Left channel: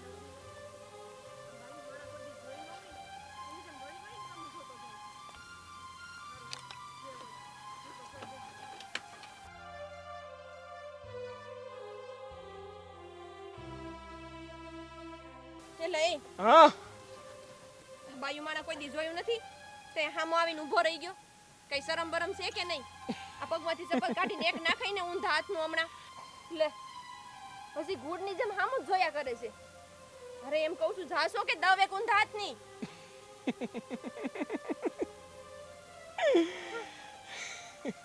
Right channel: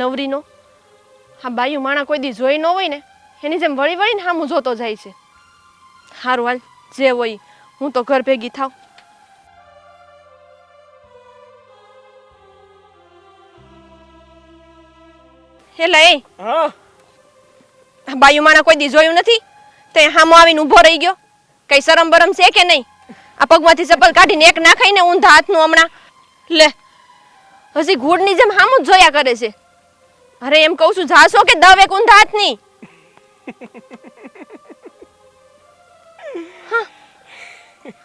નવરીનો હા બાયું માણા કોઈ દી જોઈ ન હોય ને એની જેમ વળી વળીને હામું જોતો જાય છે. હારું હાલ જે હોય હું તો ઘર ભેગી થાવ. હેલા એ બાયું માણા કોઈ દી જોયું નથી તે હામો આવીને ઊભો રહી ગયો. કઈ શરમ બરમ છે કે નહીં? આ પગમાંથી ચપ્પલ કાઢીને એક નાખાય ને ઊંધા હાથનું હમણાં લે હજી ઘૂડની જેમ હામું જ જોયા કરે છે. અરે એમ કહું છું જાશો કે દવ એક ઊંધા હાથની.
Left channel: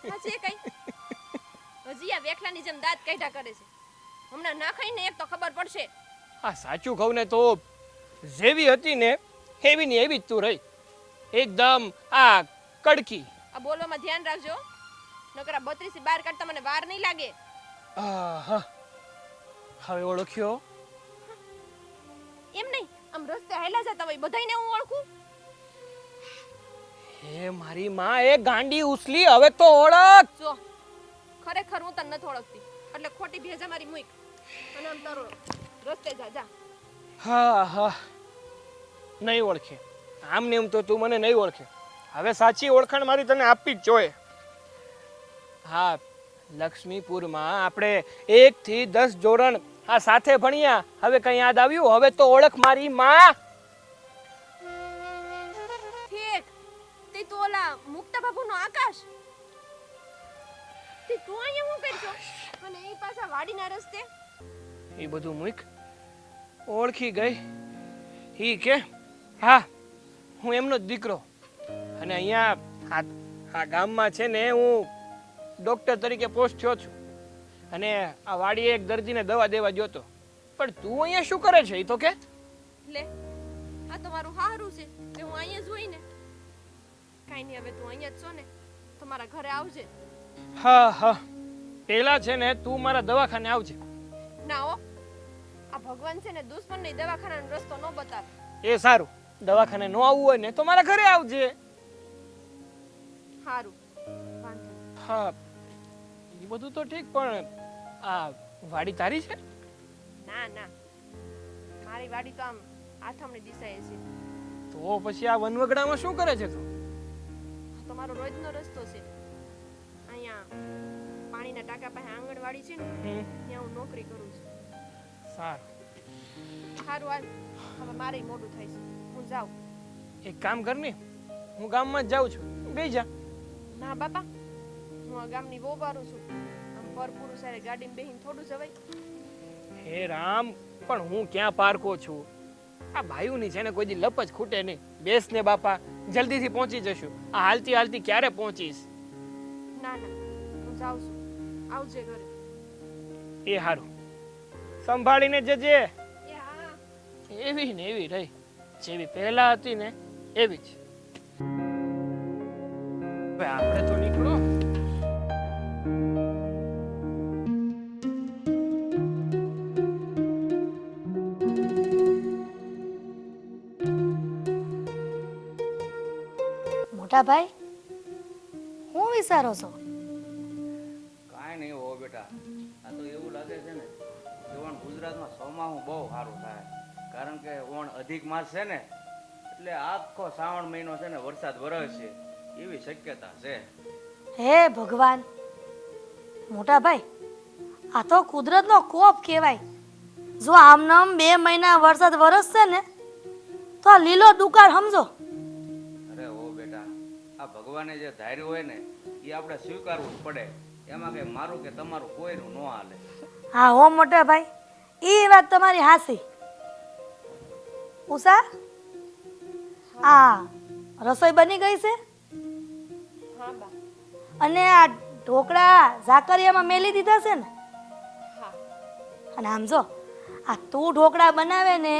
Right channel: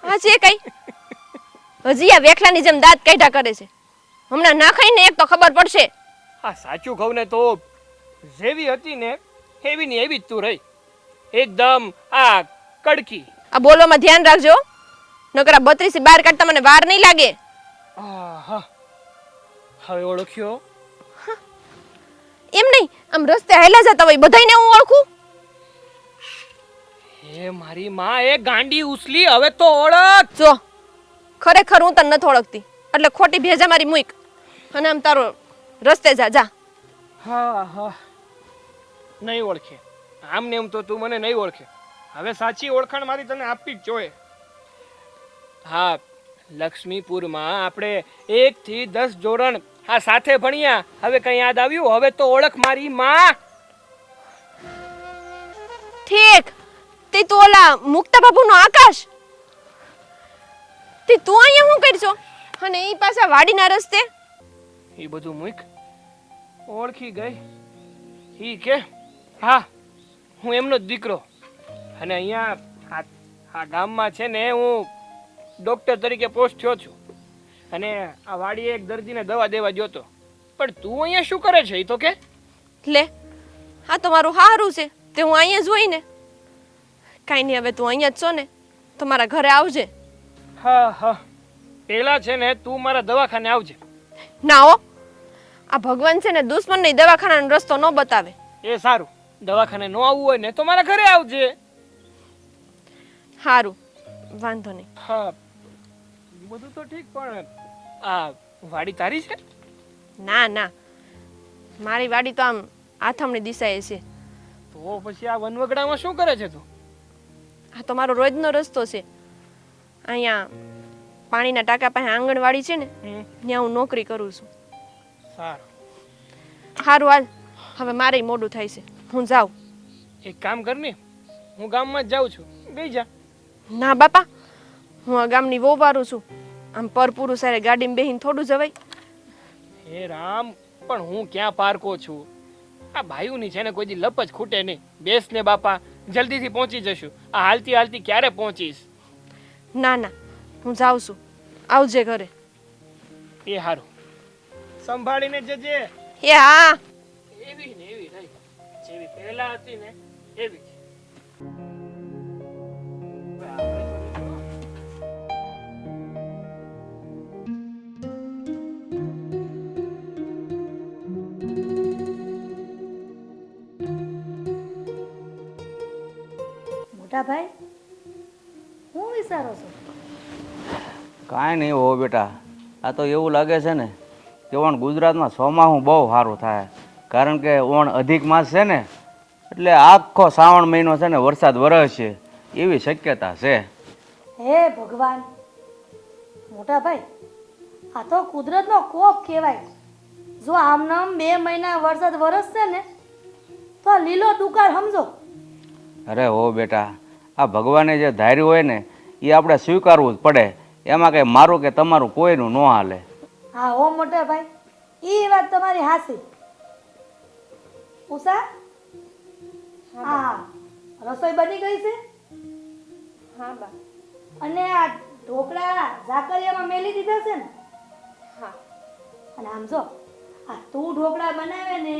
હા છે કઈ હજી આ વેખલાની જેમ દાંત કાઢ્યા કરે છે. હમણાં નાખાય ને એક તો ખબર પડશે. આ સાચું કહું ને તો જેવી હતી ને એવી ને એવી જ તું રહી એકદમ આ કડકી. આ બોલવામાં ધ્યાન રાખજો નકર આ 32 બહાર કાઢતા મને વાર નહીં લાગે. હવે ઓળખ્યો? એમ નહીં આમ રસ્તે હાલ્યા જતા હોય બધાયને હું ઓળખું. એ મારી માં એ ગાંડી ઉસલી હવે તો ઓળખ. જો ખરેખર હું તને નથી ઓળખતી એટલે ખોટી ભેજા મારી મૂક અને આમ તારો રસ્તે જા જા. હા નહીં ઓળખે આમ ને એમ તો તું મને નહીં ઓળખે. હવે સાચી ઓળખાણ મારી તને આપવી જ જોઈએ. હા લક્ષ્મીપુરમાં આપણે 1 થી 10 ધોરણ આ સાથે ભણ્યા. હવે કઈ યાદ આવ્યું? હવે તો ઓળખ મારી માં. ઠીક તે તો ઓલા મુક્તા બાબુનો આકાશ તે તું અહીંયા શું કરશો અને ઈ પાછા વાડીના રસ્તે? એ બધું મૂક ઓળખી ગઈ. ઈ કે હા હું એમનો જ દીકરો અને અહીંયા આ ગામમાં છે ને હું ડોક્ટર તરીકે પોસ્ટ થયો છું અને આ વાડીએ એક દર્દીને દવા દેવા જોતો. પણ તું અહીંયા શું કરે છે? ઈ તો કે લે હા તો મારું હારું છે તે હું અહીંયા જ હોય ને. કાંઈ નહીં હવે તું અહીંયા જ છો ને તો મારા ઘરે આવજે. હા પેલા છે ને તું મારા દવાખાને આવજે. ના હો આ ભગવાન છે ને દુશ્મનને દવાખાનાનો રસ્તો ન બતાવે. એ સારું દવાખાને ન આવવું હોય ને તો મારા ઘરે આવજે. હારું વાંધો નહીં. હા એ બધું તો ઠીક પણ આ વાડી તારી છે? ના મારી વાડી તો આમ આથમણી દિશાએ છે. તો પછી આ વનવગડામાં શું કરે છે તું? આ તો મારો રોજનો રસ્તો છે. અહીંયા પાણીના ટાંકા પાસે આંગણવાડી છે ને ત્યાં હું નોકરી કરું છું. સારું હારું હાલ હવે મારે મોડું થાય છે હું જાઉં. એક કામ કર ને હું ગામમાં જ જાઉં છું બે જા. ના બાપા હું આ ગામની વહુ વારું છું આમ પરપુરુષ સારે ગાડીમાં બેહીને થોડું જવાય. હે રામ પણ હું ક્યાં પારકો છું? આ ભાઈઓની છે ને કોઈ દી લપ જ ખૂટે નહીં. બેસ ને બાપા જલ્દીથી પહોંચી જશું. આ હાલતી હાલતી ક્યારે પહોંચીશ? ના હું જાઉં છું આવજે ઘરે. એ હારું સંભાળીને જજે. એ હા એવી ને એવી રહી જેવી પહેલા હતી ને એવી જ. હવે આપણે તો નીકળો. મોટા ભાઈ હું વિચારો છો? કાંઈ નહીં હો બેટા, આ તો એવું લાગે છે ને કે ઓણ ગુજરાતમાં ચોમાસું બહુ સારું થાય. કારણ કે ઓણ અધિક માસ છે ને એટલે આખો શ્રાવણ મહિનો છે ને વરસાદ વરસશે એવી શક્યતા છે. હે ભગવાન મોટા ભાઈ આ તો કુદરતનો કોપ કહેવાય. જો આમનામ 2 મહિના વરસાદ વરસશે ને તો આ લીલો દુકાળ સમજો. અરે હો બેટા, આ ભગવાને જે ધાર્યું હોય ને એ આપણે સ્વીકારવું જ પડે. એમાં કંઈ મારું કે તમારું કોઈનું ન હાલે. હા હો મોટા ભાઈ એ વાત તમારી હાસી. ઉષા આ રસોઈ બની ગઈ છે? હા બા. અને આ ઢોકળા ઝાકરિયામાં મેલી દીધા છે ને? હા. અને આમ જો આ તું ઢોકળા બનાવે ને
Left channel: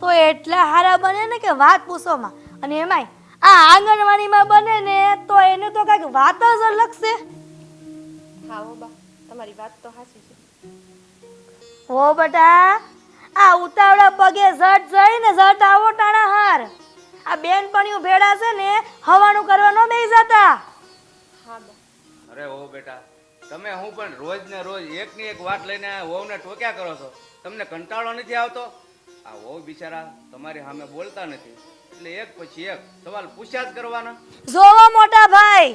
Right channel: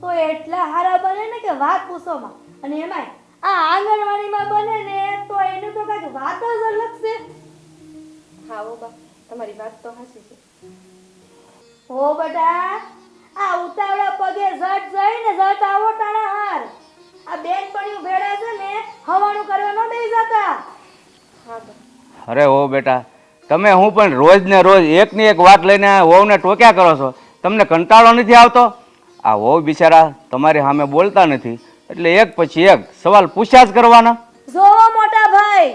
તો એટલા સારા બને ને કે વાત પૂછોમાં. અને એમાંય આ આંગણવાડીમાં બને ને તો એને તો કઈક વાત જ અલગ છે. હા ઓ બા તમારી વાત તો હાચી છે. ઓ બેટા આ ઉતાવળા પગે ઝટ જઈને ઝટ આવો ટાણા હાર. આ બેનપણીઓ ભેડા છે ને હવાનું કરવા ન બેસી જતા. હા બા. અરે હો બેટા, તમે હું પણ રોજ ને રોજ એકની એક વાત લઈને વહુને ટોક્યા કરો છો. તમને કંટાળો નથી આવતો? આ વહુ બિચારા તમારી સામે બોલતા નથી એટલે એક પછી એક સવાલ પૂછ્યા જ કરવાના. જો મોટા ભાઈ,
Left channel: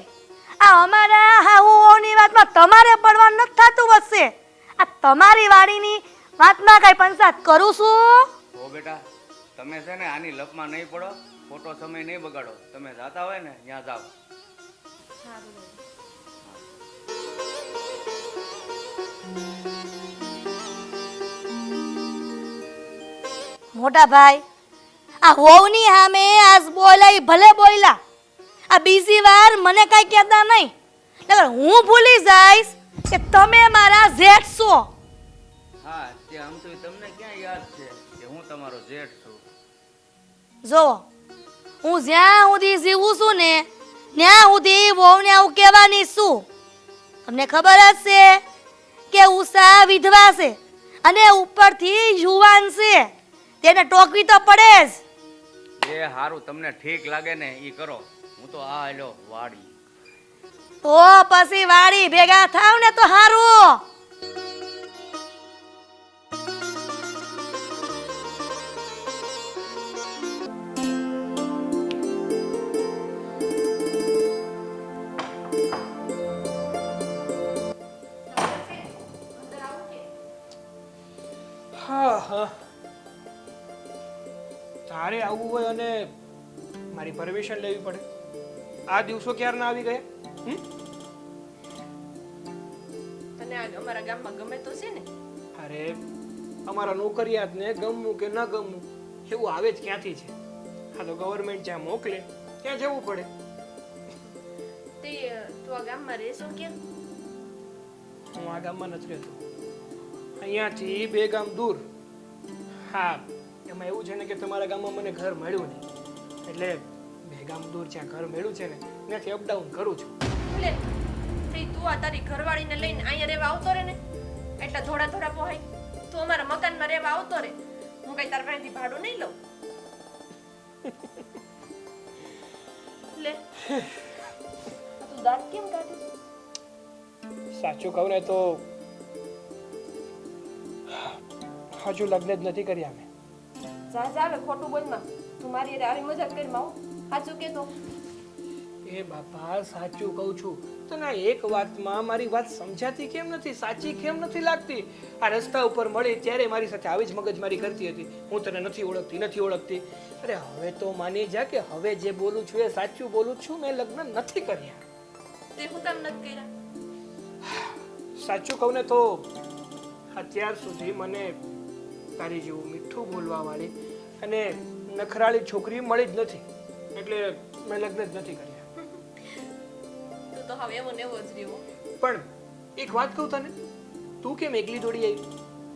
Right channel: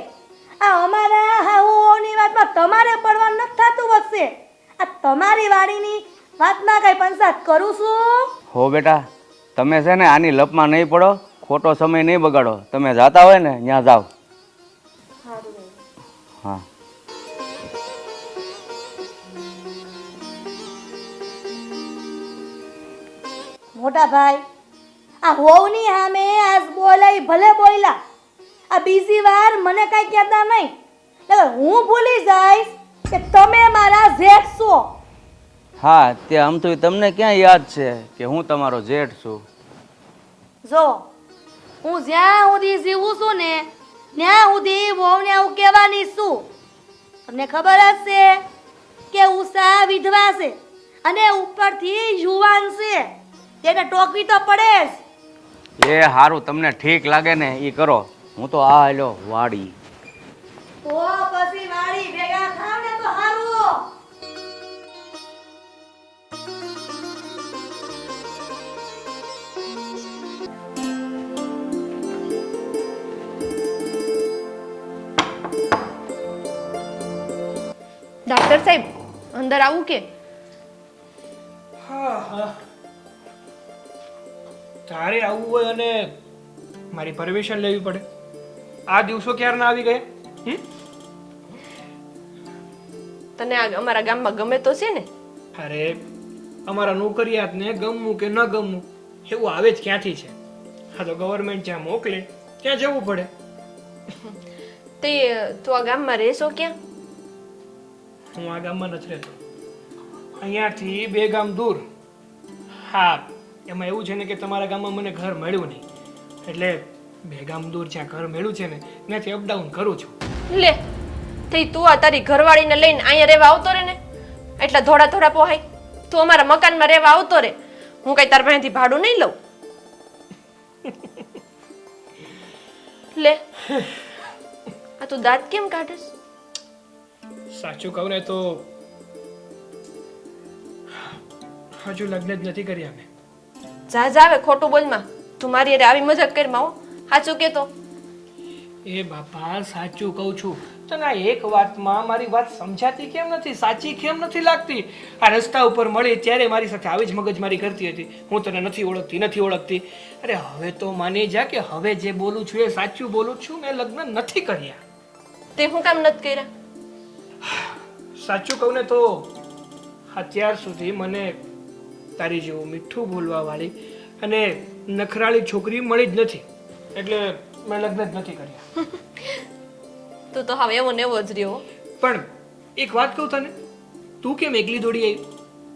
આ અમારા હાહુઓની વાતમાં તમારે પડવાનું નથી થતું હશે. આ તમારી વાડીની વાતમાં કઈ પંચાયત કરું છું? હો બેટા, તમે છે ને આની લપમાં નહીં પડો, ખોટો સમય નહીં બગાડો. તમે જાતા હોય ને ત્યાં જાઓ. હા. મોટા ભાઈ, આ હોવની સામે આજ બોલાઈ ભલે બોલ્યા, આ બીજી વાર મને કઈ કહેતા નહીં. નકર હું ભૂલી જઈશ કે તમે મારા જેઠ છો. હા, તે આમ તો તમને ક્યાં યાદ છે કે હું તમારો જેઠ છું? જો હું જ્યાં સુધી જીવું છું ને ત્યાં સુધી વહુને હું કહેવાની છું. તમને ખબર જ છે કે ઉષા વિધવા છે અને ઉપરથી યુવાન છે, તેને ટોકવી તો પડે જ. એ હારું, તમને ઠીક લાગે ને એ કરો. હું તો આ હાલ્યો વાડી. તો પછી વાડી ભેગા થાવ ને તો હારું. ડોક્ટર સાહેબ, અંદર આવું કે? હા હા, તારે આવવું હોય અને મારી પરમિશન લેવી પડે. આ દિવસો ક્યારના આવી ગયા? તને આ અમારા ગામમાં ગમે તો છે ને? અરે અમારા નોકરિયાતને ગમવું કે ન ગમવું એવું આવે જ ક્યાંથી છે? હા તો ગવર્મેન્ટ જ્યાં મોકલે ત્યાં જવું પડે. તે તું આ ગામમાં રહેશો ક્યાં? હું આ ગામમાં નથી રહેતો, અહીંયાથી 2 ગામ દૂર. હા, એમાં એવું છે ને કે તમારા ગામમાં મને ઘર મળ્યું નહીં, એટલે 2 ગામ દૂર જ્યાં ઘર મળ્યું છે ને ત્યાંથી અપડાઉન કરું છું. લે, તે તું આ તારી ઘરવાળીને લઈને અહીંયા રહેવા આવતો રે ને, એટલે થોડા થોડા પોહાય. તું અમારા મકાનમાં રહેવા આવતો રે, હું કઈ તાર પાસેથી ભાડું નહીં લઉં. લે, આ તું દાંત કેમ કાઢેસ? સાચું કહું ને તો હજુ લગ્ન જ નથી કર્યા મેં. જા જા, હવે ખોટું બોલમાં. તું મારી હારે આવી મજાક કરમાં હો. સાચું કે તો? એ બાપા, સાચું કહું છું. તને આ એક વાતમાં મારી વાત સમજાતી કેમ નથી, સાચી કેમ નથી લાગતી? આ રસ્તા ઉપર મળી ત્યારે મારી સાથે આવી જ મગજમારી કરતી હતી, હું તને નથી ઓળખતી. અરે હવે તો માની જા કે હવે જે બોલું છું એ સાચું બોલું છું. મેં લગ્ન નથી કર્યા. તે હું કામ નથી કર્યા? સાચું કહું ને તો અત્યાર સુધી મને તારી જેવું મીઠું બોલવા વાળી અને નખરાળી છોકરી મળી જ નથી, એટલે મેં લગ્ન જ નથી કર્યા. તું તો હવે એવો ને એવો જ રહ્યો. પણ એક વાત કહું તને, તું કેમ એકલી દોડી આવી?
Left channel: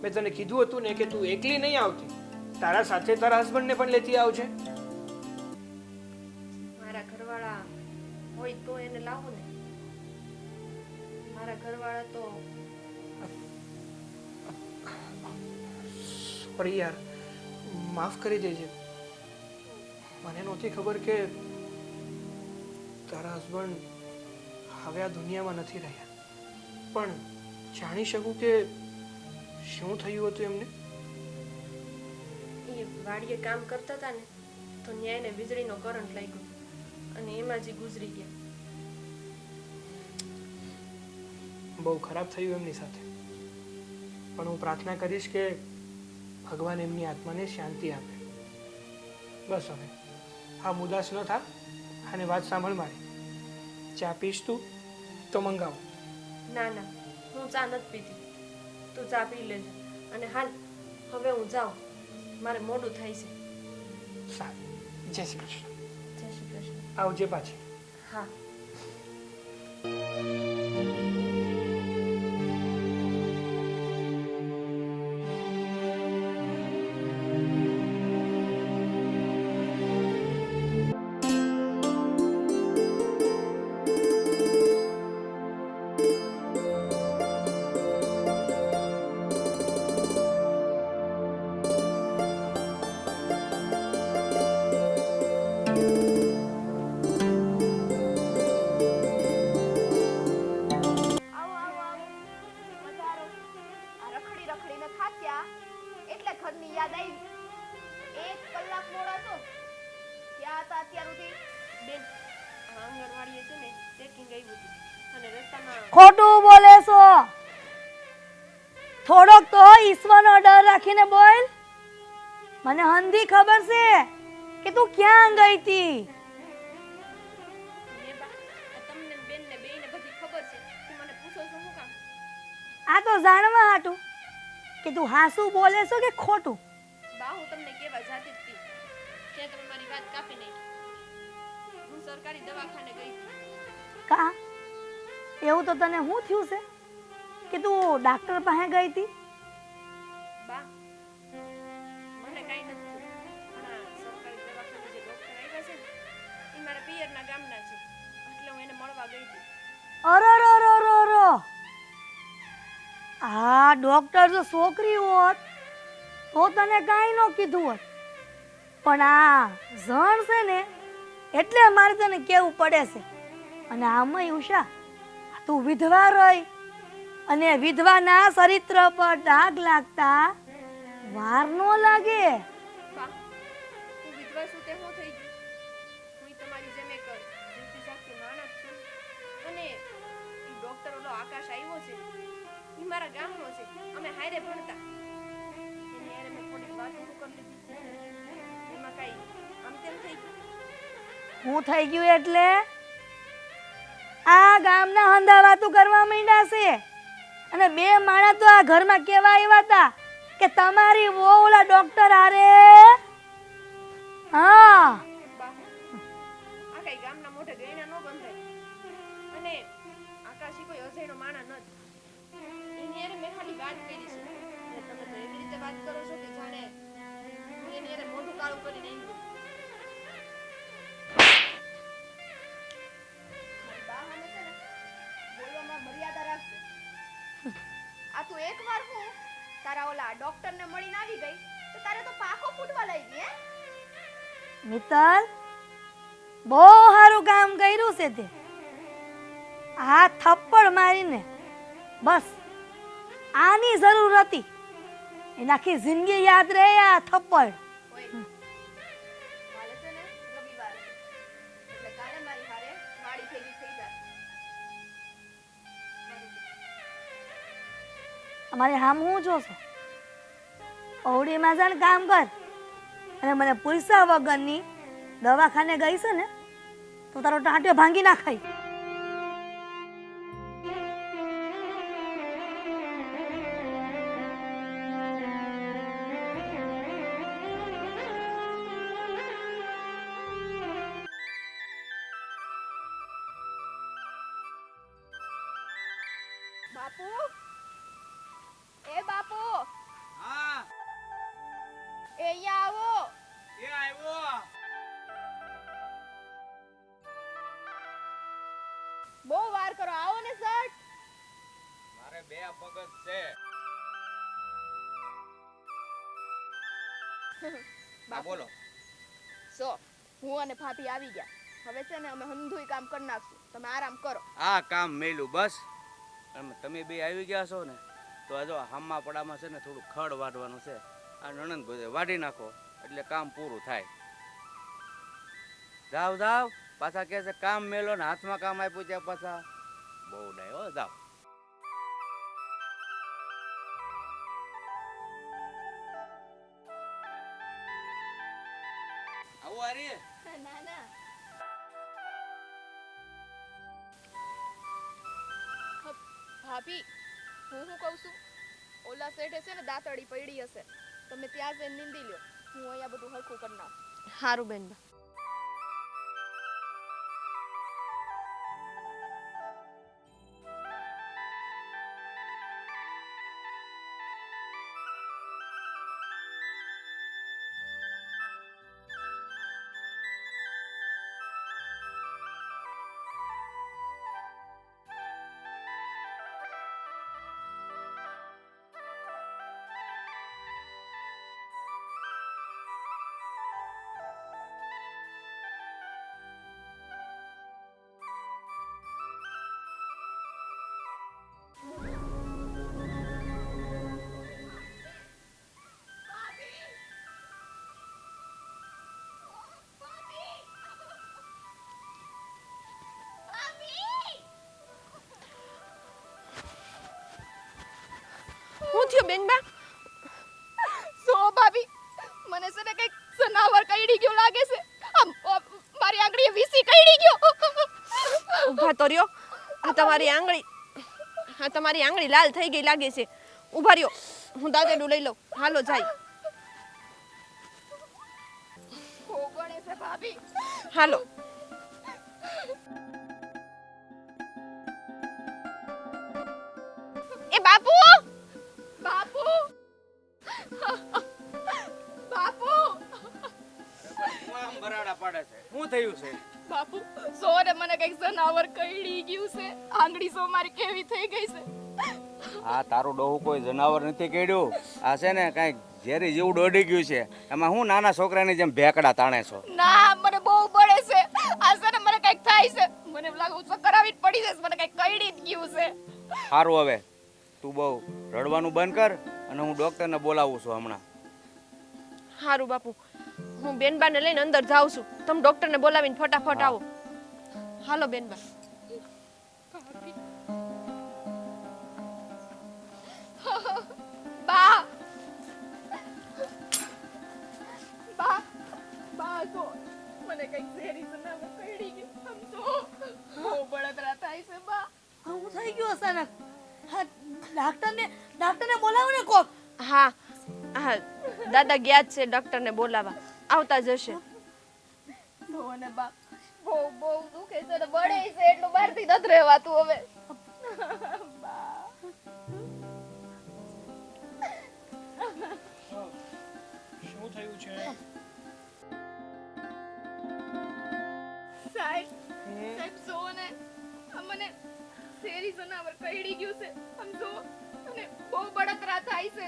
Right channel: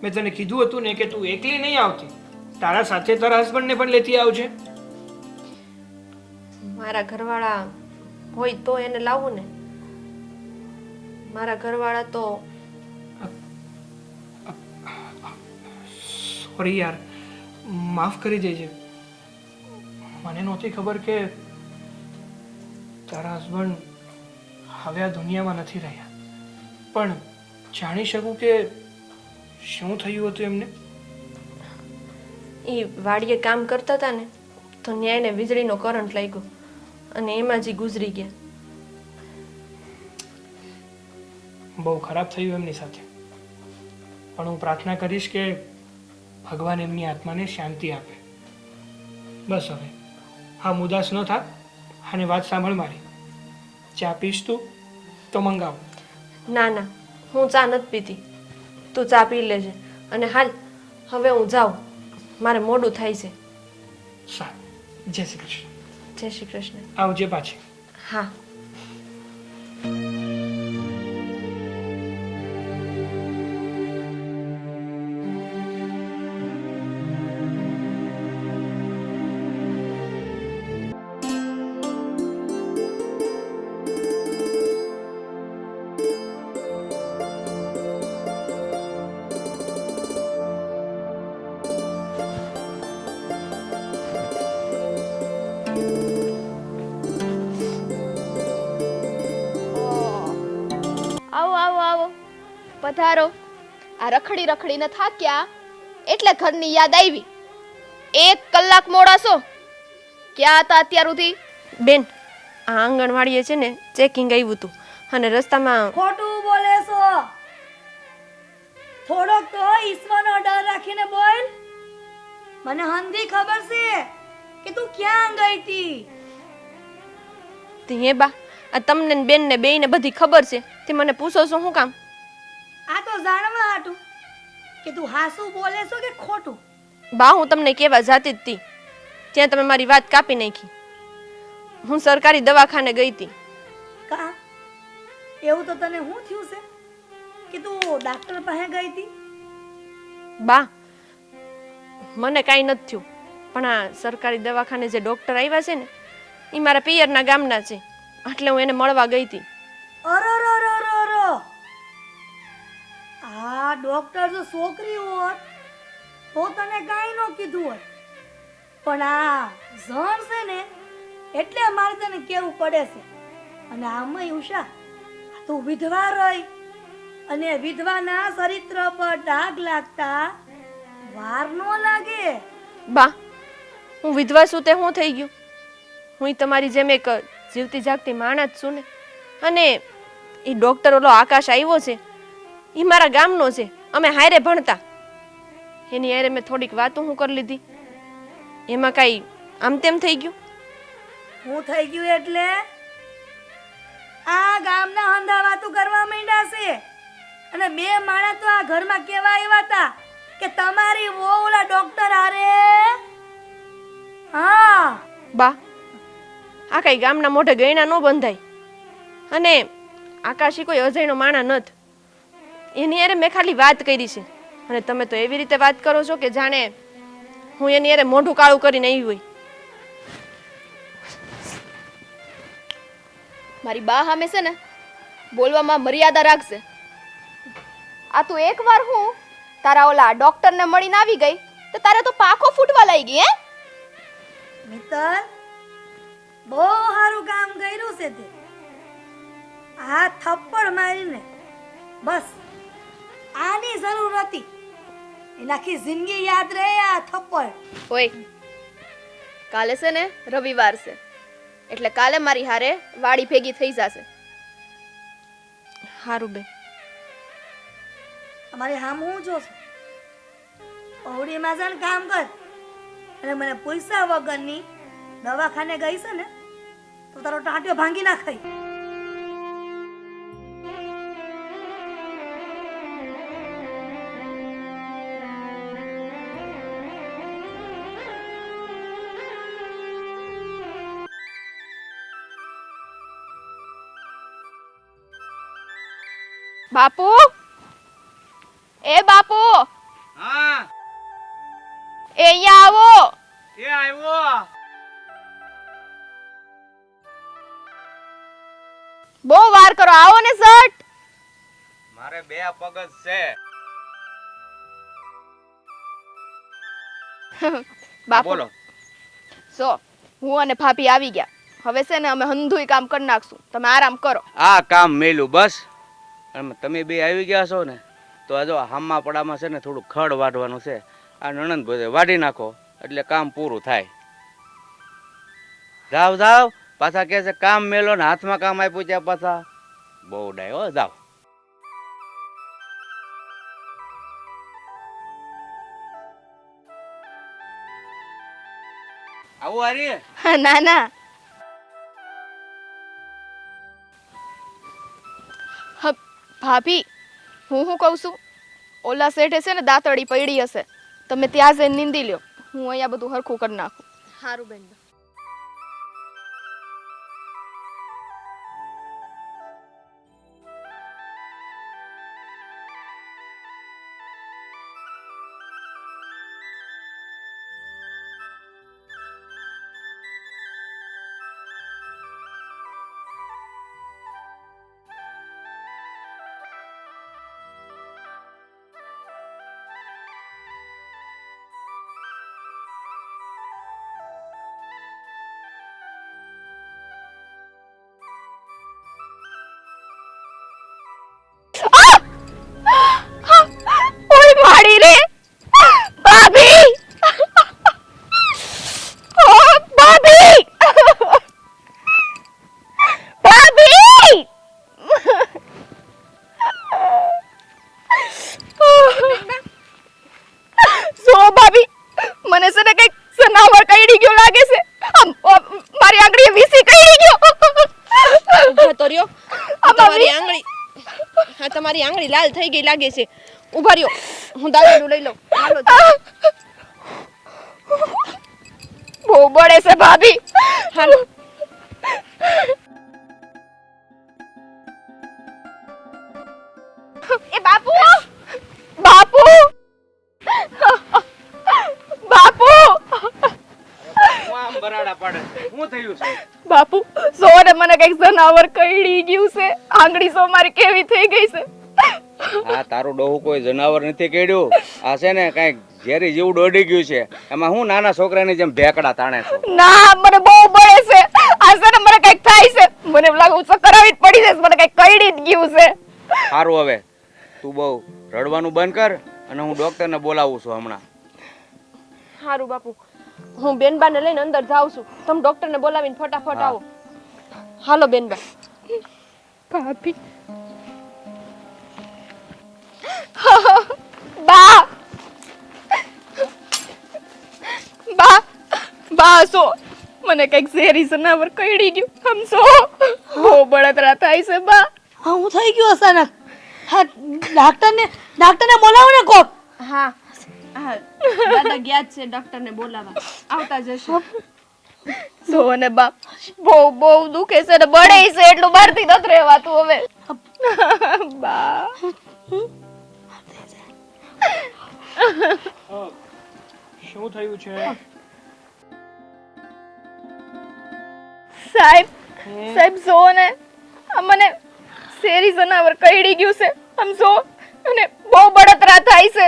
મેં તને કીધું હતું ને કે તું એકલી નહીં આવતી, તારા સાથે તારા હસબન્ડને પણ લેતી આવજે. મારા ઘરવાળા હોય તો એને લાવું ને. મારા ઘરવાળા તો સોરી યાર, માફ કરી દેજે. મને નહોતી ખબર કે તારા હસબન્ડ હવે આ દુનિયામાં નથી રહ્યા. પણ જાણી શકું કે શું થયું હતું એમને? એ વાડીએ કામ કરતા હતા ને તો ન્યાયને વીજળીનો કરંટ લાગ્યો અને એમાં જ ઈ ગુજરી ગયા. બહુ ખરાબ થયું એમની સાથે, પણ હું પ્રાર્થના કરીશ કે ભગવાન એમની આત્માને શાંતિ આપે. બસ હવે હા, મુદાસ ન થા અને વાત સાંભળ મારી. ચા પીશ તું તો મંગાવ. ના ના, હું ચા નથી પીતી. તું ચા પી લેજે. અને હાલ હવે હું જાઉં, મારે મોડું થાય છે. સારું, જય શ્રી કૃષ્ણ. જય શ્રી કૃષ્ણ. આવજે પાછી. હા. પધારો. આ રખડી રખડીને થાક્યા એટલે ઘરની યાદ આવી. 1 કલાક મોડા છો. ક્યાં હતા અત્યાર સુધી? બેન આ આંગણવાડીએ છે ને ચેકિંગ આવ્યું હતું અને રસ્તામાં ખોટું બોલે છો. થોડોક તો ઈશ્વરનો ડર રાખીને બોલ. મને હંધી ખબર છે કે તું ક્યાં ગઈ હતી. તે હે બા આ તમને ને બેનને બેયને બધી ખબર છે તે મને પૂછો છો શું કામ? આ તો જાણવા હાટું કે તું હાસું બોલે છો કે ખોટું. બા હું તમને કેવા જાતી જ હતી ત્યાં તમે મારી વાત કાપી નાખી. હું સરકારી દવાખાને ગઈ હતી. કા એવું તો તને શું થયું છે કે તું ડાક્ટર પાસે ગઈ હતી? બા મને કાંઈ નથી થયું પણ આ સરકારી દવાખાને જે ડૉક્ટર આવ્યા છે ને એ મારા પિયરના ગામના છે એટલે હું એને મળવા ગઈ હતી. અરરરરરર. આ ડોક્ટર જો છોકરી હોત તો તને કાંઈ ન કીધું હોત, પણ આ જણ છે ને એટલે મારે તને કેવું પડે છે. અને આમાંય ઉષા તું વિધવા રહી અને વિધવાના ચરિત્ર પર ડાઘ લાગતા વાર ન લાગે. બા હું વિધવા છું તે શું થઈ ગયું? હું તમારી જેમ એક જીવતી જાગતી માણસ છું ને. અને એ ડૉક્ટર ઓલો આકાશ આવ્યો છે એ મારા ગામનો છે, અમે હારે ભણતા. એની હારે મેં થોડીક વાતો હું કરી લીધી, એમાં કાંઈ આમ તેમ થઈ ગયું? હું થઈ ગયું એટલે આ ગામના હંધા વાતો કરવા માંડ્યા છે. અને બે માણસ તો આ ઘરમાં કેવા આવ્યા હતા કે તમારી વહુ ઓલા ડોક્ટર હારે. હા બા આ કાંઈ ગામના મોઢે ગયણા ન બંધાય. અને આકાશી કોઈ અજયનો માણા નથી. એની હારે મેં ખાલી વાત કરી છે અને તમે તો એવી રીતે વાત કરો છો કે જાણે હું એની હારે મોઢું કાળું કરીને આવી હોય. મારી બા સામે છે ને બોલવામાં મર્યાદા રાખજે. આ તું એકવાર હું તારા ઓલા ડોક્ટરને મળીને આવી ગઈ તો તારે તો પાખો ફૂટવા લાગી હે? મિત્તલ બહુ સારું કામ કર્યું છે તે. આ થપ્પડ મારીને બસ આની જરૂર હતી. એની આખી જિંદગી યાદ રહે આ થપ્પડ. ઓય કાલે છે ને રવિવાર છે એટલે કાલે મારી હારે વાડી ભેગી થઈ જશે. હારું બે. અમારી હામ હું જો છો ઓવડીમાં જાણ કામ કર અને મને પૈસા વગરની દવાખાને ગઈ છે ને તો તારો ટાંટ્યો ભાંગી નાખાય. બાપુ, એ બાપુ, હા એ અહીંયા આવો. એ આવ્યો. બહુ વાર કરો, આવો ને સટ. મારે બે પગ જ છે. બાપુ બોલો. સો હું અને ભાભી આવી ગયા. હવે છે ને અમે હંધુય કામ કરી નાખશું, તમે આરામ કરો. આ કામ મેલું બસ. અને તમે બે આવી ગયા છો ને તો આ જો હામા પડામાં છે ને થોડું ખડ વાઢવાનું છે. આ નણંદ બધે વાઢી નાખો એટલે કામ પૂરું થાય. જાવ જાવ પાછા કહે છે કામ મેલો ને હાથમાં કામ આપ્યું ત્યાં પાછા બહુ ડાય હો. જાવ. આવું હારી. ના ના ભાભી, હું કહું છું, ઓલા શેઠે છે ને દાંતડી પડી હશે, તમે ત્યાં જઈને નીંદી લ્યો, હું અહીંયા બધું હરખું કરી નાખું. હારું બેન. ભાભી મને છે ને કઈક સનાવર કઈડી ગયો લાગે છે મારી આંગળીએ વીસી કઈડી ગયો ઊભા તો રહ્યો તમારી આંગળી હા તમારી આંગળી લાલ થઈ ગઈ લાગે છે ઊભા રહ્યો હું દાદાનું લઈ લઉં હાલો જાઓ. બહુ બળે છે ભાભી હાલો એ બાપુ બાપુ બાપુ આમ બરાડા પાડે શું થયું છે? બાપુ સોને મને કઈક જનાવર કઈડી ગયું છે આંગળી સો મારી કેવી થઈ ગઈ છે આ તારું ડોહું કોઈ જનાવર નથી કેડ્યું. આ છે ને કઈક ઝેરી જીવ દોડી ગયું છે. એમાં હું નાના છોકરાની જેમ ભેકડા તાણે છો. ના મને બહુ બળે છે આ છે ને મને કઈક થાય છે મને એમ લાગે ચક્કર આવી જ પડી જશે મને કઈક કઈડી જ ગયું છે સારું હવે તું બહુ રડવાનું બંધ કર અને હું ડોક્ટરને બોલાવું છું હમણાં. હારું બાપુ હું બેનબાને લઈને અંદર જાઉં છું તમે ડોક્ટરને બોલાવીને ફટાફટ આવો હાલો બેનબા ભાભી બા બા બા સો મને કઈક ઝેરી જનાવર કઈડી ગયું સમસો બહુ બળતરા થાય છે બા હા હું થઈ ગયું અચાનક હા ડાક્ટરને બોલાવો ને કોક હા હા દાદા ગયા જ છે ડોક્ટરને બોલાવા આવતા જશે સો ને બા બહુ બહુ દુખે છે ને બળે છે એટલું બહારથી નથી રહેવાતું હવે બા શું થયું છે? સાહેબ સાહેબ જો ને આ મને શેરી જનાવર કઈડી ગયું છે આમ જો અને બહુ બળતરા થાય છે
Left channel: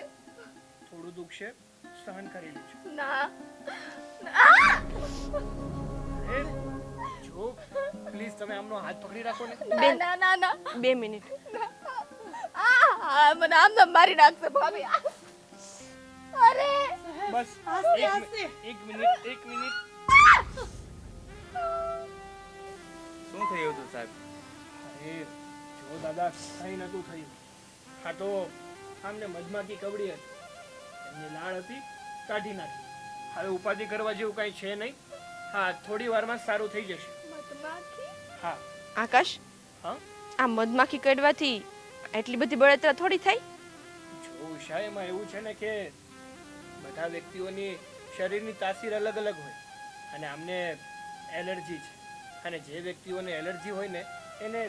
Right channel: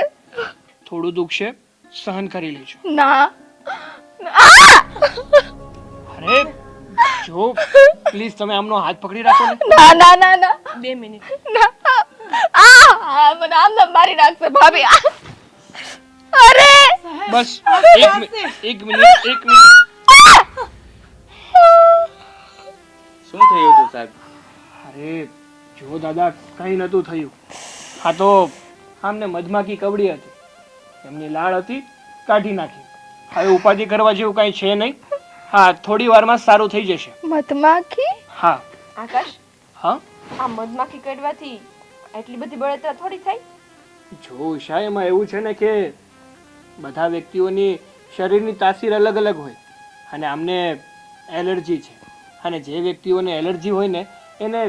થોડું દુઃખ છે સહન કરી લેજો. ના અરે જો પ્લીઝ તમે આમનો હાથ પકડી રાખો ને. ના ના ના ના 2 મિનિટ ના મને આમ નામ મારી નાખશે ભાભી અરે બસ એક મિનિટ શું થયું હતું સાહેબ? અરે જો દાદા કઈ નતું થયું. હા તો આમને મધમાખી કવડી હતી એમની લાળ હતી કાઢી નાખી. હવે ઉપાધિ કરવા જેવું કઈ છે નહીં. હા થોડી વારમાં સારું થઈ જશે. મધમાખી હા આકાશ હા આ મધમાખી કડવાથી એટલી બધી બળતરા થોડી થાય જો ઉષા એમાં એવું છે ને કે બધા વ્યક્તિઓની શરીરની તાસીર અલગ અલગ હોય અને આમને એલર્જી છે અને જે વ્યક્તિઓને એલર્જી હોય ને એને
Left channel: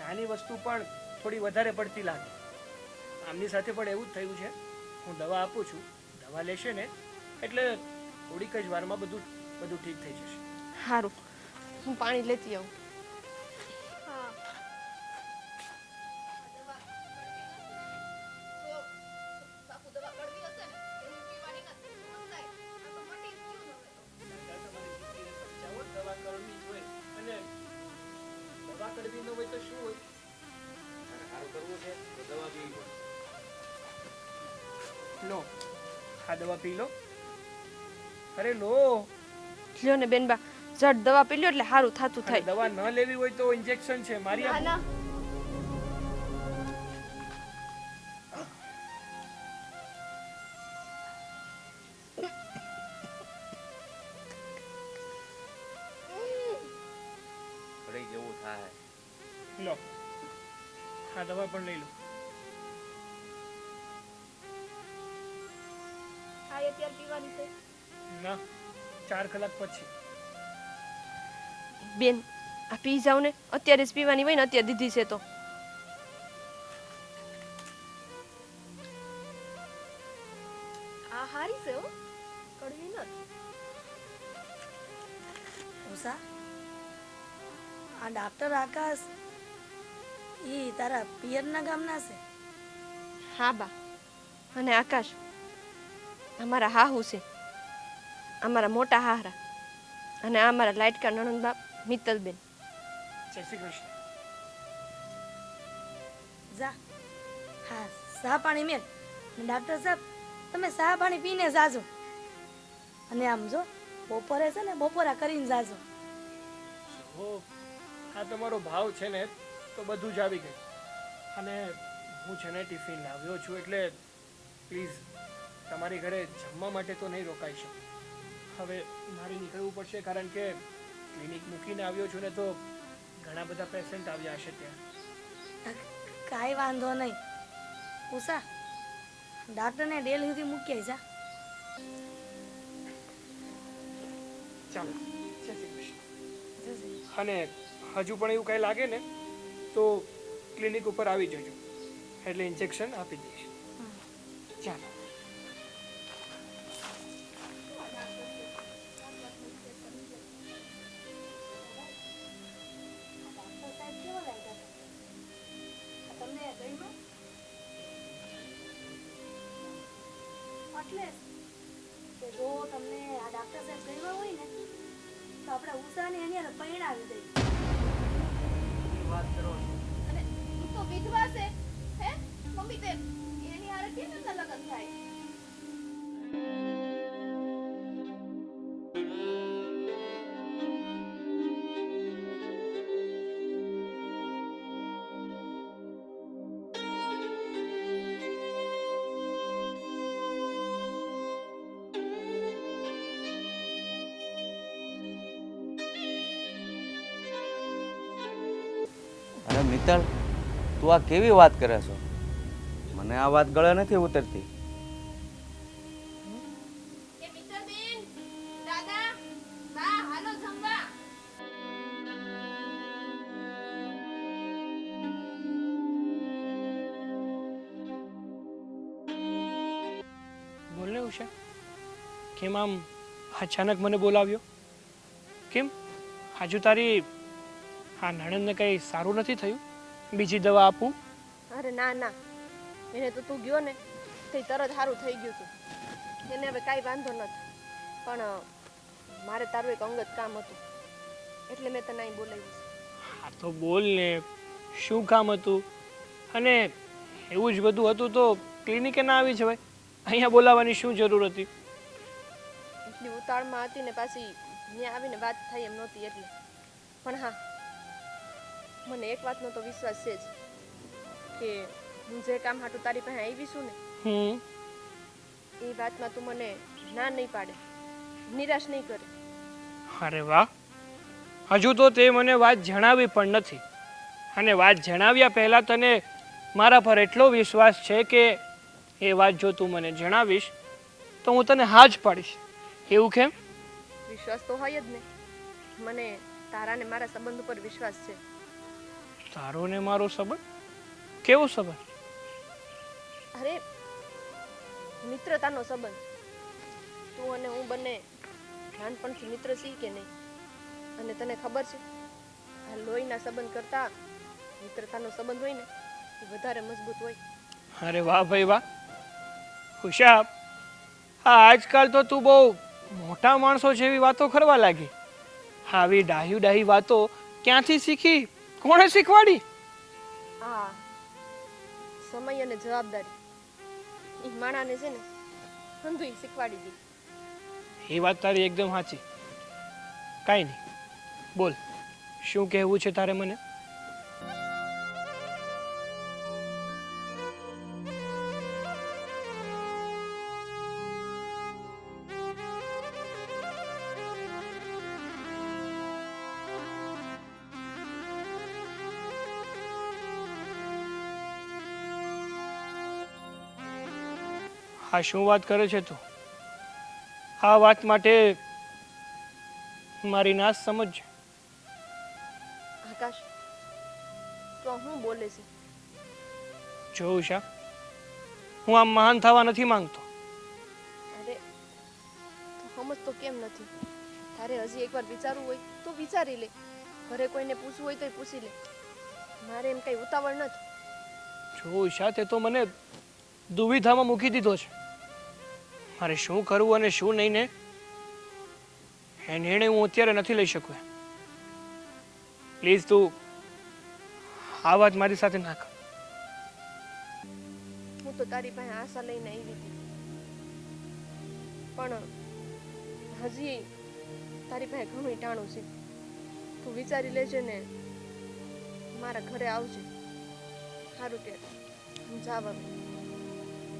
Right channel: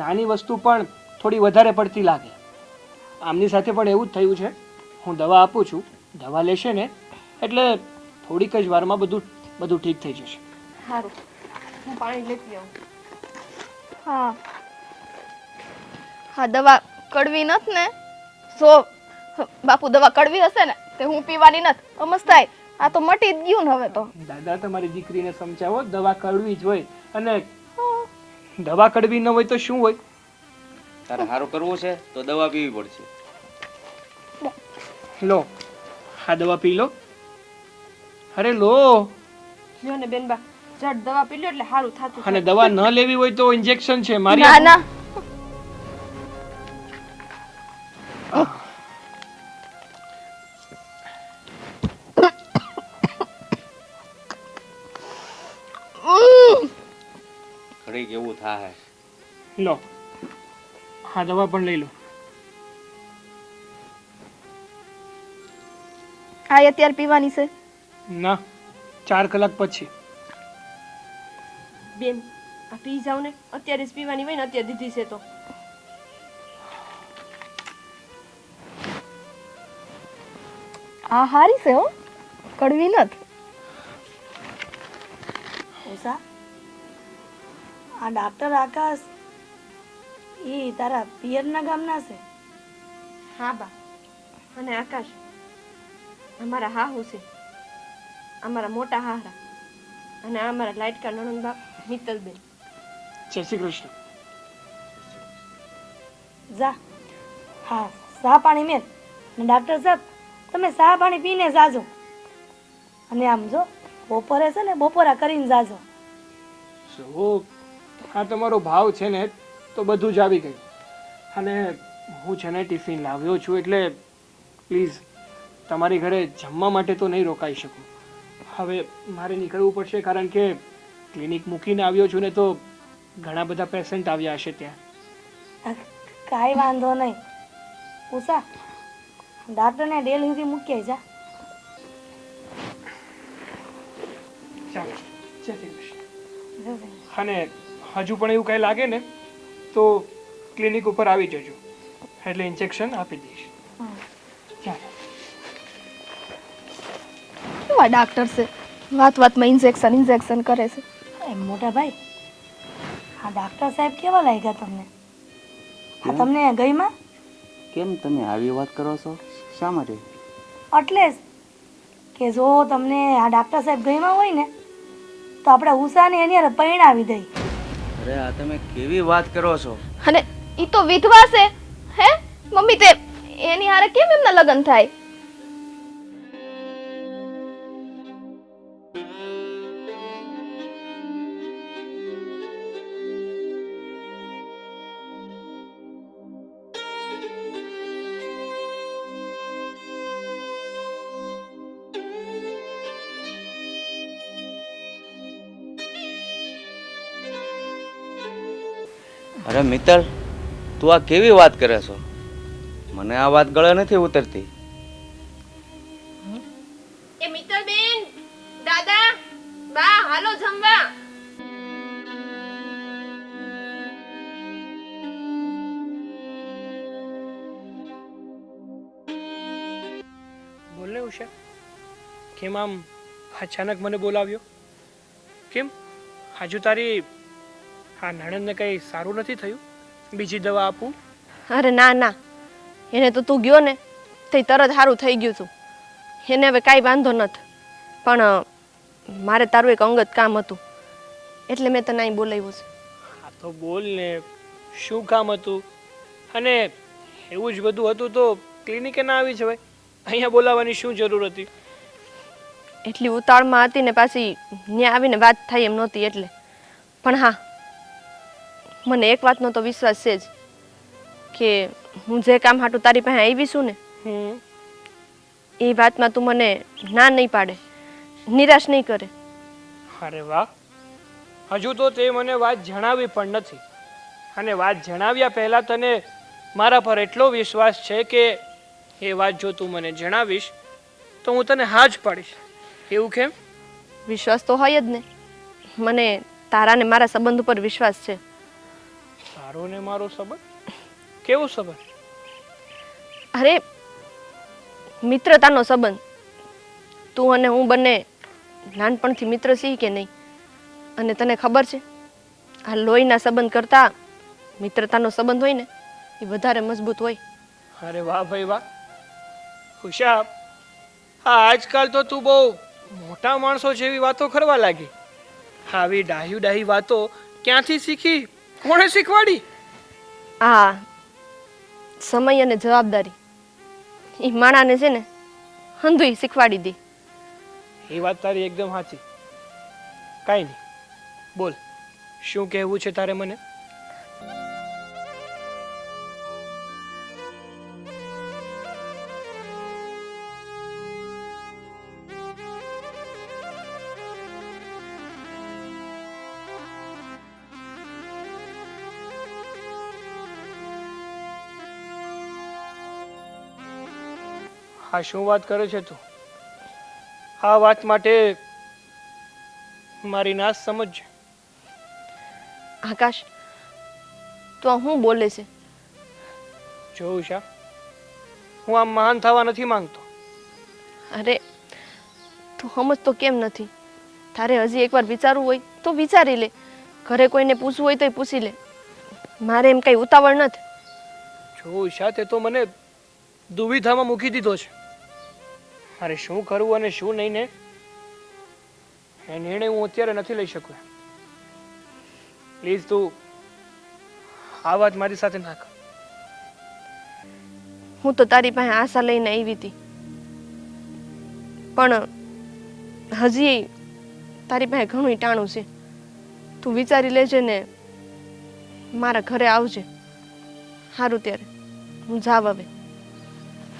નાની વસ્તુ પણ થોડી વધારે પડતી લાગે. આમની સાથે પણ એવું જ થયું છે. હું દવા આપું છું દવા લેશે ને એટલે થોડીક જ વારમાં બધું ઠીક થઈ જશે. સારું હું પાણી લેતી આવું હા હા દવા કડવી નથી ને જો બાપુ દવા કડવી હશે ને તે હું પીવાની નથી સમજ થાય આ તો મટી જ ગયું ને હવે તો દાદા તમારી દીકરીને સમજાવો દવા કડવી જ હોય અને દવા કડવી ન હોય તો શું હોય? તારે સારું કરવું છે તો દવા પીવી પડશે. લો આ દવા પી લો. અરે લો. જો ને બેનબા જડ દવા પી લ્યો એટલે સારું થાતું અને થાય દવા ન લેવી હોય તો ઇન્જેક્શન છે મારી ના ના ઘડીક એવું થાય. લો હા દવા પણ લઈ લો. આ અત્યારે પીવાની છે ના 4 કલાક પછી. બેન આ પી જાવ ને અત્યારે જ પીવાની હોય ને અત્યારે દીધી છે તો આ હારી છે હો કડવી નથી ઉષા આ ડાક્ટર આકાશ એ તારા પિયરના ગામના છે હા બા અને આકાશ અમારા હાહુ છે અમારા મોટા હાહરા અને આ અમારા લાડકા નણંદ બાપ મિત્તલબેન. જય શ્રી કૃષ્ણ. જા હા ચા પાણી મેલ અને ડાક્ટર સાહેબ તમે ચા પાણી પીને જાજો અને આમ જો બપોરે છે ને બપોરા કરીને જાજો. જો આ તમારો ભાવ છે ને તો બધું જ આવી ગયું અને હું છે ને ટિફિન લાવ્યો છું એટલે પ્લીઝ તમારી ઘરે જમવા માટે તો નહીં રોકાઈ શકું. હવે મારે નીકળવું પડશે કારણ કે ક્લિનિક મૂકીને આવ્યો છું ને તો ઘણા બધા પેશન્ટ આવ્યા હશે ત્યાં. કાંઈ વાંધો નહીં ઉષા, ડાક્ટરને ડેલ સુધી મૂકી જા. ચાલો, જય શ્રી કૃષ્ણ. જશે. અને હજુ પણ એવું કંઈ લાગે ને તો ક્લિનિક ઉપર આવી જજો, એટલે ઇન્જેક્શન આપી દઈશ. ચાલો. કેવા ડાક્ટર છે, વાત વાતમાં ઇન્જેક્શન કરે છે. એ મોટા ભાઈ, આ ડાક્ટર સાહેબ કેવા લાગ્યા તમને? આ તમને ગઈમાં? કેમ તમે આવી વાત કરો છો? શા માટે? એટલે જ કે જો તમને આ ડાક્ટર સાહેબ ગઈમાં હોય ને તો આપણે ઉષાને એની હારે પરણાવી દઈ. અરે આ તમે કેવી વાત કરો છો? અને ઈ તો વિધવા છે. હે મમ્મી, તે એની હારે કેમ એમના લગ્ન થાય? અરે મિત્તલ, તું આ કેવી વાત કરે છો? મને આ વાત ગળે નથી ઉતરતી. એ મિત્તલ બેન, દાદા, બા, હાલો જમવા. બોલ ને ઉષા, કેમ આમ અચાનક મને બોલાવ્યો? કેમ હજુ તારી આ નણંદને કંઈ સારું નથી થયું? બીજી દવા આપું? અરે ના ના, એને તો તું ગયો ને તે તરત સારું થઈ ગયું તું. એને હવે કાંઈ વાંધો નથી, પણ મારે તારું એક અંગત કામ હતું એટલે મેં તને અહીં બોલાવ્યું છે. હા તો બોલ ને, શું કામ હતું? અને એવું જ બધું હતું તો ક્લિનિકે ના આવી જવાય? અહીંયા બોલાવવાની શું જરૂર હતી? એટલી ઉતાળમાં હતી ને પાછી ત્યાં આવીને વાત થાય એમ નહોતી એટલે. પણ હા, મને એક વાતનો તો વિશ્વાસ છે જ કે હું જે કામ હાટું તારી પાસે આવી છું ને હમ. એ વાતમાં તું મને ના નહીં પાડે, નિરાશ નહીં કરે. અરે વાહ, હજુ તો તે મને વાત જણાવી પણ નથી. અને વાત જણાવ્યા પહેલા તને મારા પર એટલો વિશ્વાસ છે કે એ વાત જો તું મને જણાવીશ તો હું તને હા જ પાડીશ. એવું કેમ? વિશ્વાસ તો હોય જ ને. મને તારા ને મારા સંબંધ ઉપર વિશ્વાસ છે. તારો ને મારો સંબંધ? કેવો સંબંધ? અરે મિત્રતાનો સંબંધ. તું અને હું બંને નાનપણથી મિત્ર છીએ કે નહીં? અને તને ખબર છે આ લોહીના સંબંધ કરતા મિત્રતાનો સંબંધ હોય ને એ વધારે મજબૂત હોય. અરે વાહ ભાઈ વાહ. ઉષા, આ આજકાલ તો તું બહુ મોટા માણસો જેવી વાતો કરવા લાગી. આવી ડાહી વાતો ક્યાંથી શીખી? કોણે શીખવાડી? આ સમય અને જવાબદારી એ માણાને છે ને હંધુય શીખવાડી દે. એ વાત તારી એકદમ સાચી. કાંઈ નહીં, બોલ શું કહેવું છે તારે મને? આ શું વાત કરે છે તું? આ વાત માટે મારી ના સમજ. આકાશ, તું આ શું બોલે છે? જો ઉષા, હું આમ મહાન થવા નથી માંગતો. અરે તું સમજતો કેમ નથી? તારે હજી એકવાર વિચારવું હોય તો વિચારી લે. ઘરે કોઈને પૂછવું હોય તો પૂછી લે. મારે એમ કઈ ઉતાવળ નથી. જો ઉષા, તે તો મને દુવિધામાં મૂકી દીધો છે. મારે શું કરવું અને શું નહીં ને એ નિર્ણય હું અત્યારે નથી લઈ શકું. પ્લીઝ તું આ વાત મારી સાથે ના કર. હું તો તારી પાસે આશા લઈને આવી હતી, પણ હજી તારી પાસે ઘણું ટાણું છે. તું વિચારી લેજે ને મારા ઘરે આવજે. સારું ત્યારે હું જાવ હવે.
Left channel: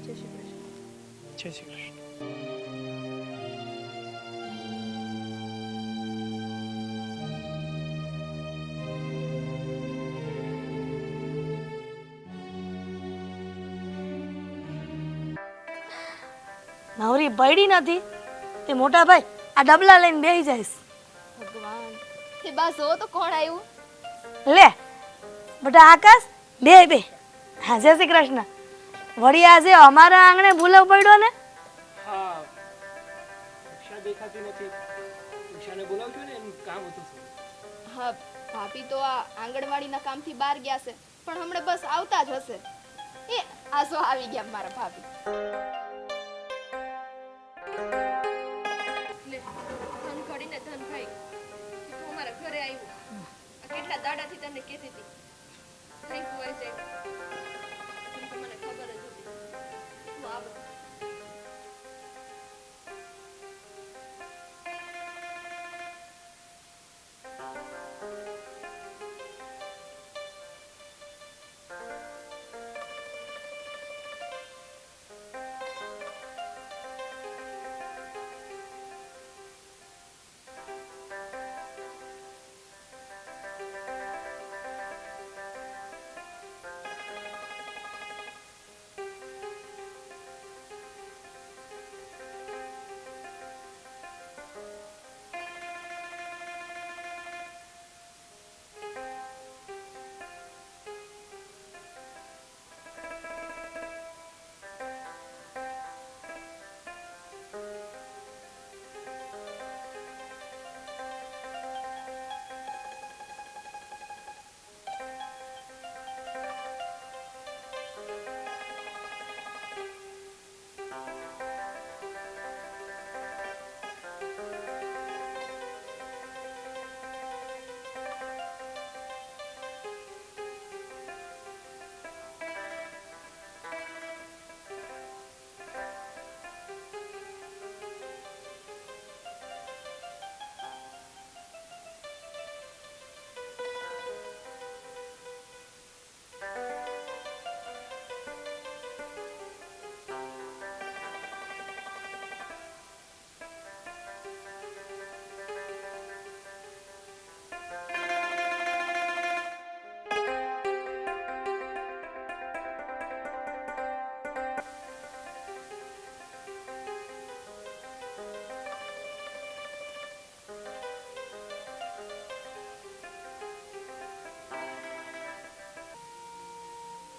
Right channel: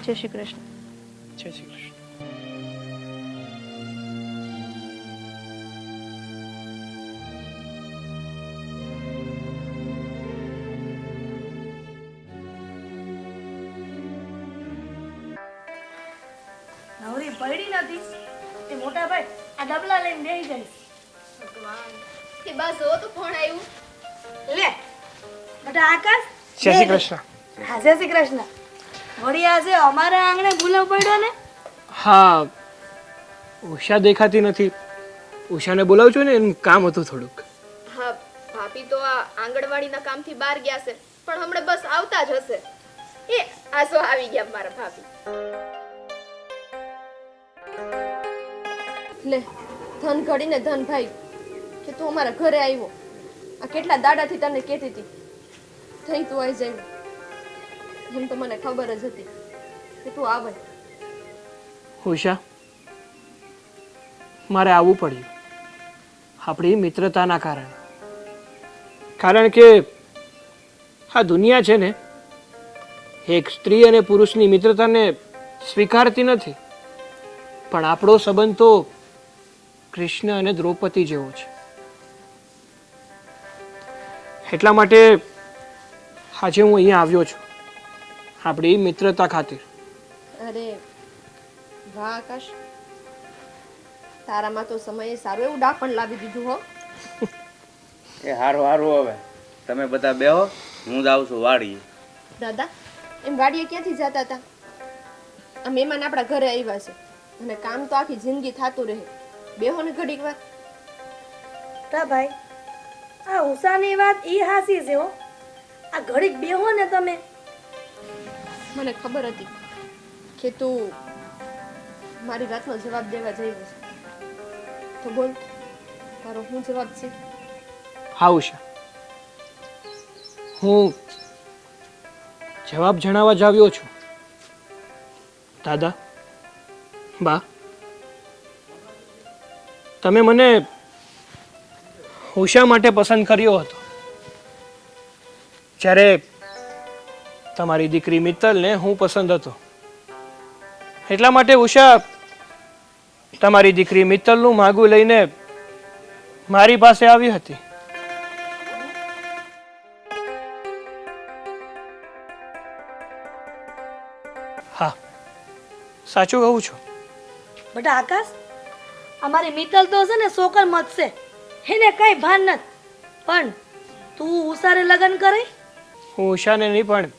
જય શ્રી કૃષ્ણ. જય શ્રી કૃષ્ણ. નવરી પડી નથી તે મોટા ભાઈ આ ડબલા લઈને બેસી જઈશ. એ બસ જો તો કોણ આવ્યું? લે બેટા આકાશ જય શ્રી બે કૃષ્ણ. હા જય શ્રી કૃષ્ણ. વળી આજે અમારા આંગણે ભૂલવ પડ્યો ને. હા, ઉષા દેખાતી નથી. ઉષાને બોલાવજો ને, એનું કામ હતું થોડુંક. હા, ભાભી તો આ આંગણવાડીના કામથી બહાર ગયા છે, પણ હમણાં બસ આવતા જ હશે. એ આસો આવી ગયા મારા ભાભી. લે ધન ઘડીને ધન ભાઈ કે તું અમારા ઘરે આવ્યો. આ કેટલા દાડાથી તને કહેતી હતી થઈ તું આવી જાય. એમ તો મને ખબર જ હતી કે તું આવે. ઉષા, મારે આવવું પડ્યું આપણી મિત્રતાના કારણે. કારણ કે આ દુનિયા છે ને, એક સ્ત્રી અને પુરુષની મિત્રતાને સ્વીકારતી નથી. પણ આપણો સંબંધ તો કૃષ્ણ અને દ્રૌપદી જેવો છે. એટલા માટે આજે હું અહીંયા આવ્યો છું, આપણી મિત્રતા ખાतिर. અરે વાહ આકાશ, તારામાં તો સમયે સારું એવું ડાપણ લાવી દીધું હો. એ હારું હારું, હવે તમે બધા બેહો, હું જાઉં છું વાડીએ. દાદા એમ ગાડીએ ક્યાંથી જતા હતા? આ મહેમાન આપણા ઘરે આવ્યા છે અને કામ તો આખી જિંદગી થતું રહે. બેહો ને ઘડીક વાર. તા ભાઈ આ ઉષાની વાત ઈ હાસી છે હો. આ ઘડીક બેહો ને તમે. મને ખબર હતી કે તું મારી વાતનો જવાબ દેવા જઈ છે. તો બોલ, તારો શું જવાબ છે? હા ઉષા, હું જવાબ જણાવવા જ આવ્યો છું. દાદા, બા, તમે મને ઉષા માટે પસંદ કર્યો હતો. જ્યારે તમારી દીકરી મિત્તલને હું પસંદ હતો. એટલા માટે ઉષા તમારી દીકરી મિત્તલનું માગું લઈને મારી પાસે આવી હતી. હા, સાચું કહું છું. બેટા આકાશ, અમારી મિત્તલ તો છે ને સોકર મત છે, એને કઈ ભાન નથી. પણ તું ઉષારે લગ્ન કરે? હું ઉષાને નહીં પણ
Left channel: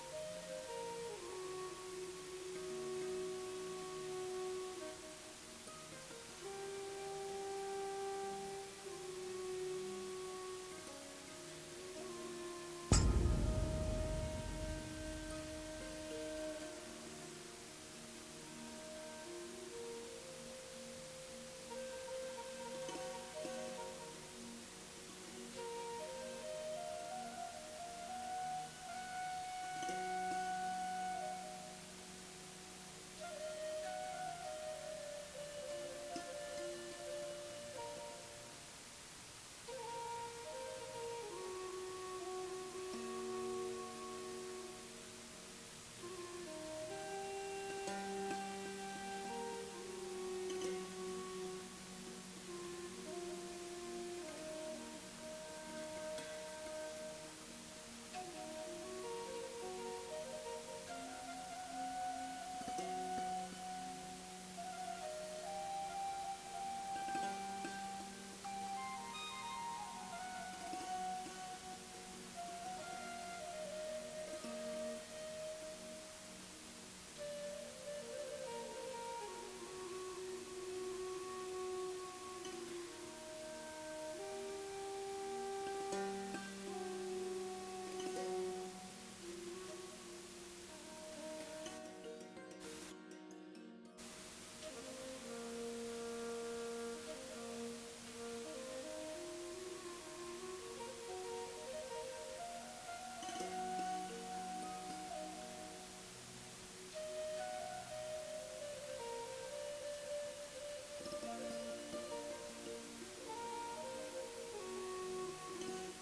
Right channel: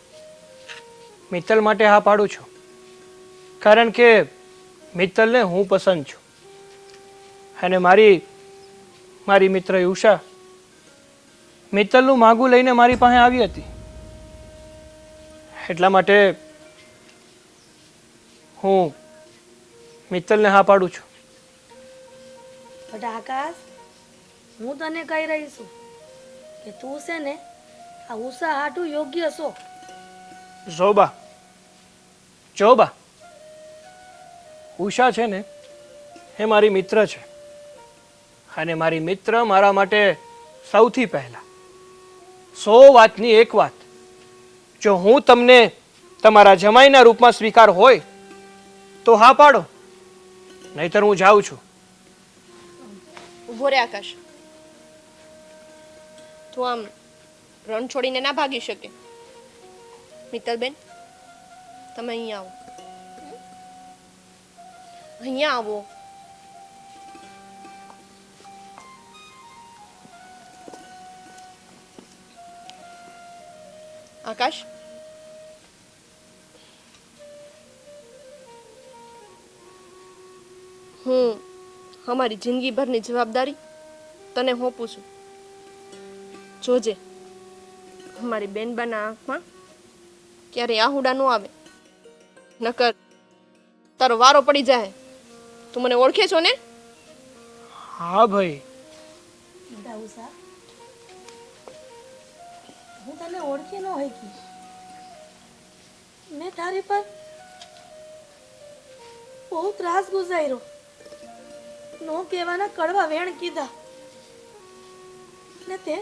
મિત્તલ માટે હા પાડું છું. કારણ કે મિત્તલને હું પસંદ છું. અને મારી મિત્ર ઉષા મિત્તલનું માગું લઈને મારી પાસે આવી હતી. એટલા માટે હું મિત્તલને હા પાડું છું. બેટા આકાશ, હું તને કહી રહી છું કે તું છે ને આ ઉષા હાટું યોગ્ય છો. જોબા, જોબા, ઉષા છે ને એ મારી મિત્ર છે. અને મારી મિત્ર મારા માટે સૌથી પહેલા. 100 વાતની એક વાત, જો હું તમને તમારા જમાઈના રૂપમાં સ્વીકાર હોય તો હા પાડો, નહીતર હું જાઉં છું. ઉભો રે આકાશ, તું આમ રણ છોડીને ના ભાગી શકે. મિત્તલબેન, તમે અહીંયા આવો. અહીંયા આવો. આકાશ, હું અમારી જિંદગીભરની જવાબદારી તને સોંપું છું. જોજે અમારી બેનબાના આંખમાં ક્યારે આહુડા ન આવે, નકર તારો વારો પડી જાય. તું મને ઓળખે છો ને? હા ભાઈ. બેટા ઉષા, હું તને ઓળખી ન હોય કે મેં તારી પર બહુ ત્રાસ ગુજાર્યો. નો કહેવાના કડવા વેણ કીધા ને તે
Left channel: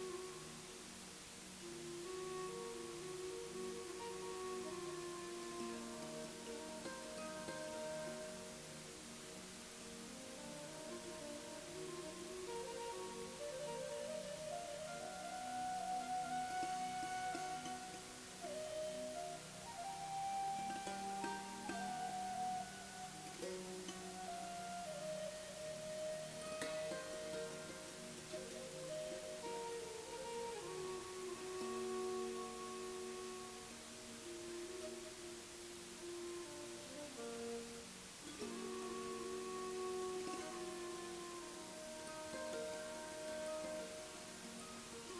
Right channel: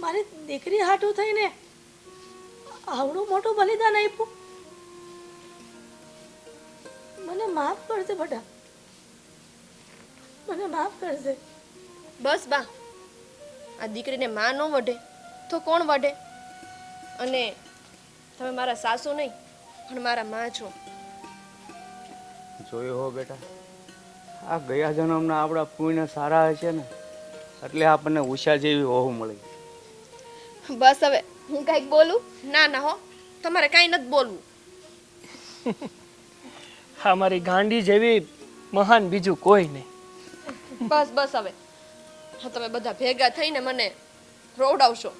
મારી દીકરી હાટું થઈને આવડું મોટું બલિદાન આપ્યું. માફ કરજે બેટા, મને માફ કરજે. બસ બા, આ દીકરીને માં ન વઢે તો કોણ વઢે? અને તમે મારા સાસુ નહીં પણ મારા માં છો. જોયું હો બેટા, આ ગયા જન્મના આપણા પુણ્ય સારા હશે ને એટલે આપણને ઉષા જેવી વહુ મળી. બસ હવે હું કાંઈક બોલું? ના ના હો, તમારે કાંઈ નથી બોલવું. હા, મારી ગાંડી જેવી મહાન બીજું કોઈ નહીં. બસ બસ હવે, હા તમે બધા ભેગા થઈને મને રોવડાવશો.